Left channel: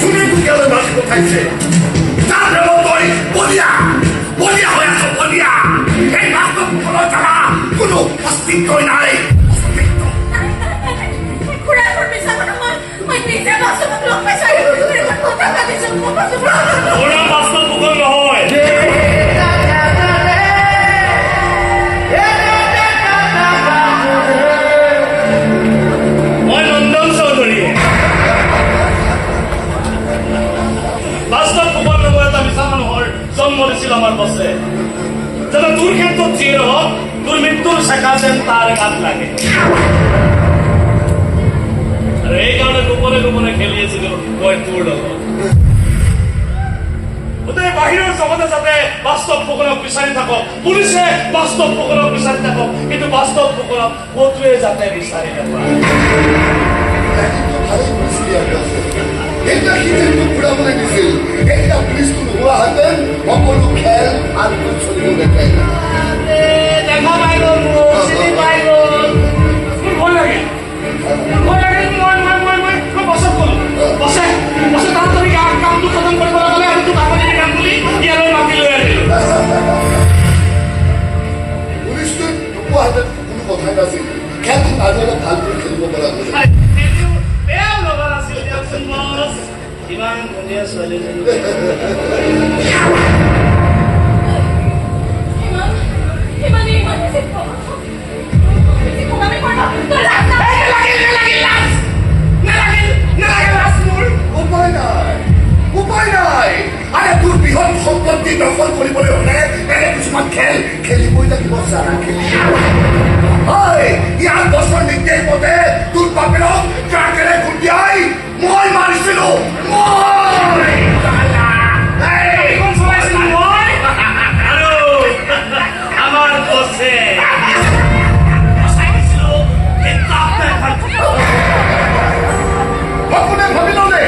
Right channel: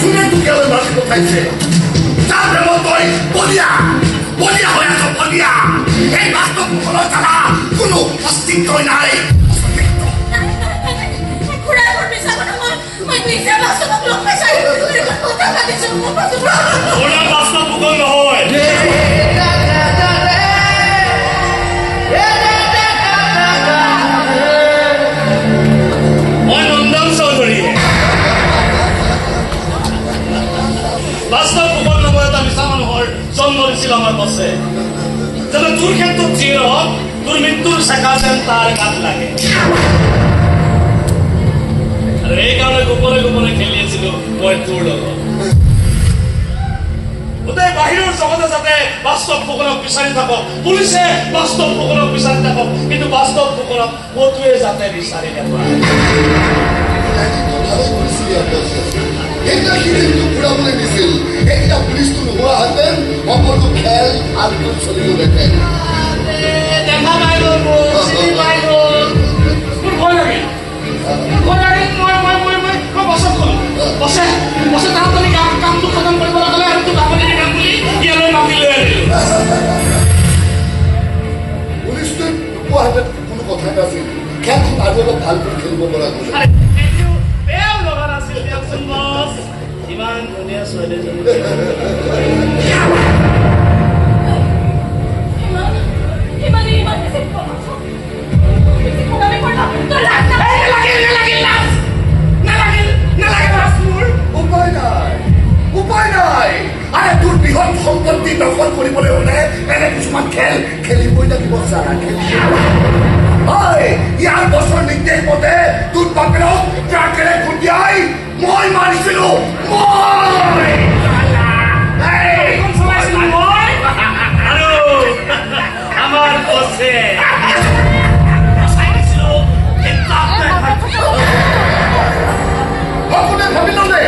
শুনে তুই গেল মানুষ কোথাইছে তার মতোই বলিয়া বলিয়া হয়ে আছে বলিয়া এই বাস্তব ঘোরা ছাড়া কোনো অস্তিত্ব নাই ওরা বাস্তব ভূগোল নহয় মই নন্দন চৌধুৰী বাস্তব ভূগোল নহয় এটা মিছা মানুহৰ জন্ম দিছিল আমাৰ বছে যেন তোৰ ক্ষেত্ৰত যি হওক তোৰ মৃত্যুৰ চেকা যেন তাৰ গাত লাগে আৰু এইকাৰণে গোপনে গোপনে খেলি আছিলো মই তোৰ লগত গোটেই বাহিৰৰ জগতে যাতে বাস্তৱ ভূগোলক বিচাৰি থাকক পুলিচে বাস্তৱ ভূগোলক বিচাৰি থাকক কিন্তু বাস্তৱ ভূগোলক কতোৱে যাতে বিচাৰি নাপায় দেখা পাই সম্পত্তি দখল কৰিবলৈ হলে এনে কিছুমান খেল খেলিবই লাগিব ইয়াৰ বছৰ নিৰ্দেশ মতে তোৰ বাপেৰক ট্ৰাকেৰে খুন্দিয়াই মই মাৰিছিলো আমাৰ বছে সপোনে ভাবি ললে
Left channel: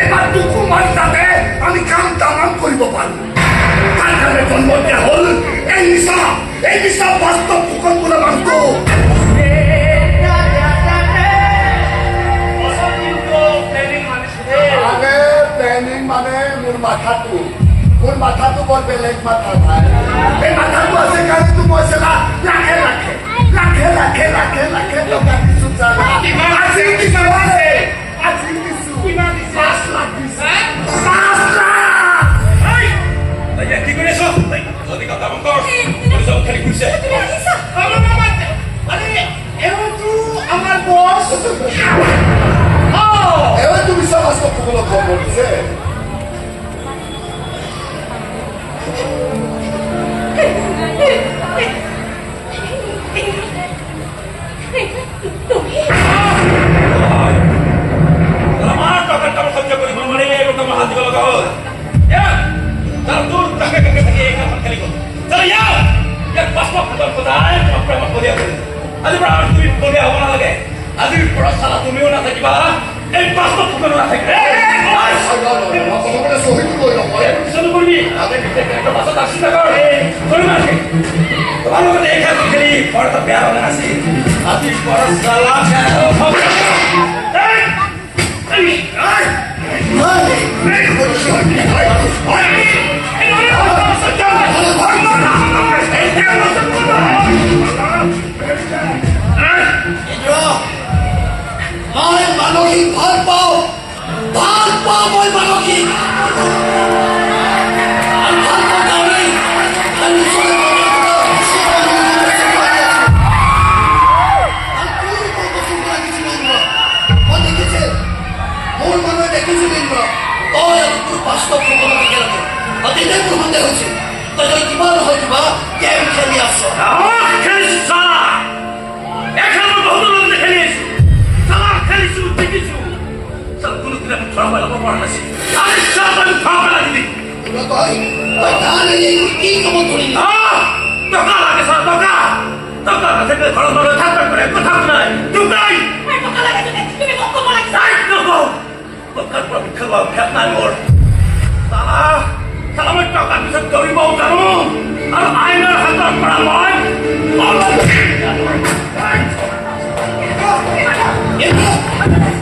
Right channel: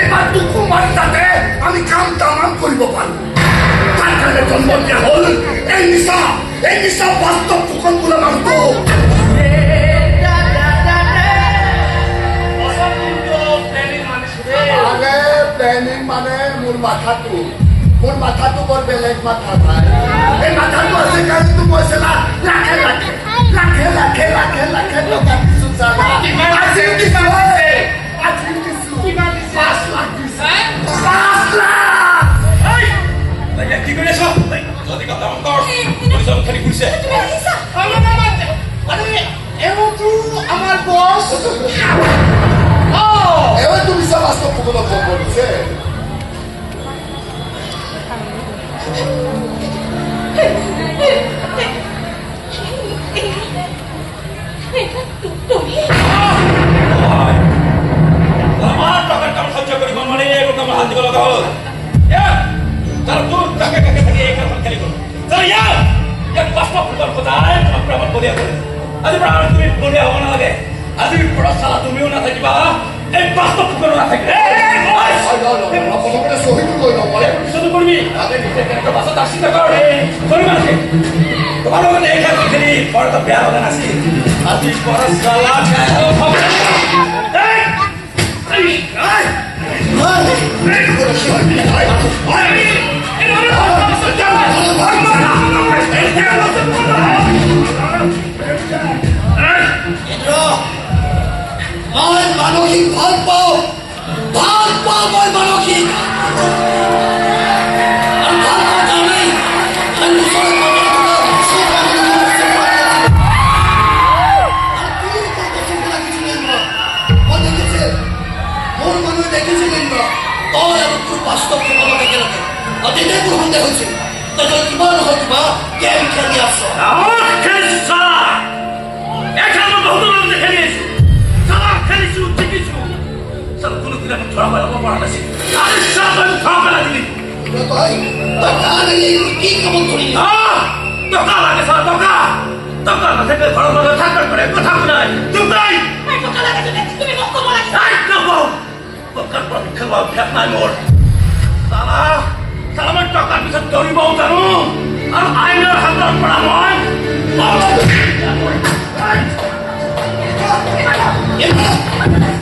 এবাৰ দুঃখ মাৰি তাতে আমি কাম তামাম কৰিব পাৰো তাৰ কাৰণে জন্ম দেওয়া হল এই নিশা বাস্তব ভূগোল কৰে মানতো প্ল্যানিং মানে মোৰ মাথাটো বৰ বেলেগ মাথা ভাই এই মাথাটো আছে কাৰণে তো মই চালা লাখে টকা কিছু চালা আজি কি চালাছে আজি কিছু কিমান 5 লাখ দিছে 5 লাখ এই কি কৰিছ যদি কথা কৰ বুঝল খালি খুশি তুমি আহিছা আৰে এওতো আমাৰ বস এও তুমি সমস্ত ভূগোল বলছে আইনৰ হাতৰ পৰা মই এই!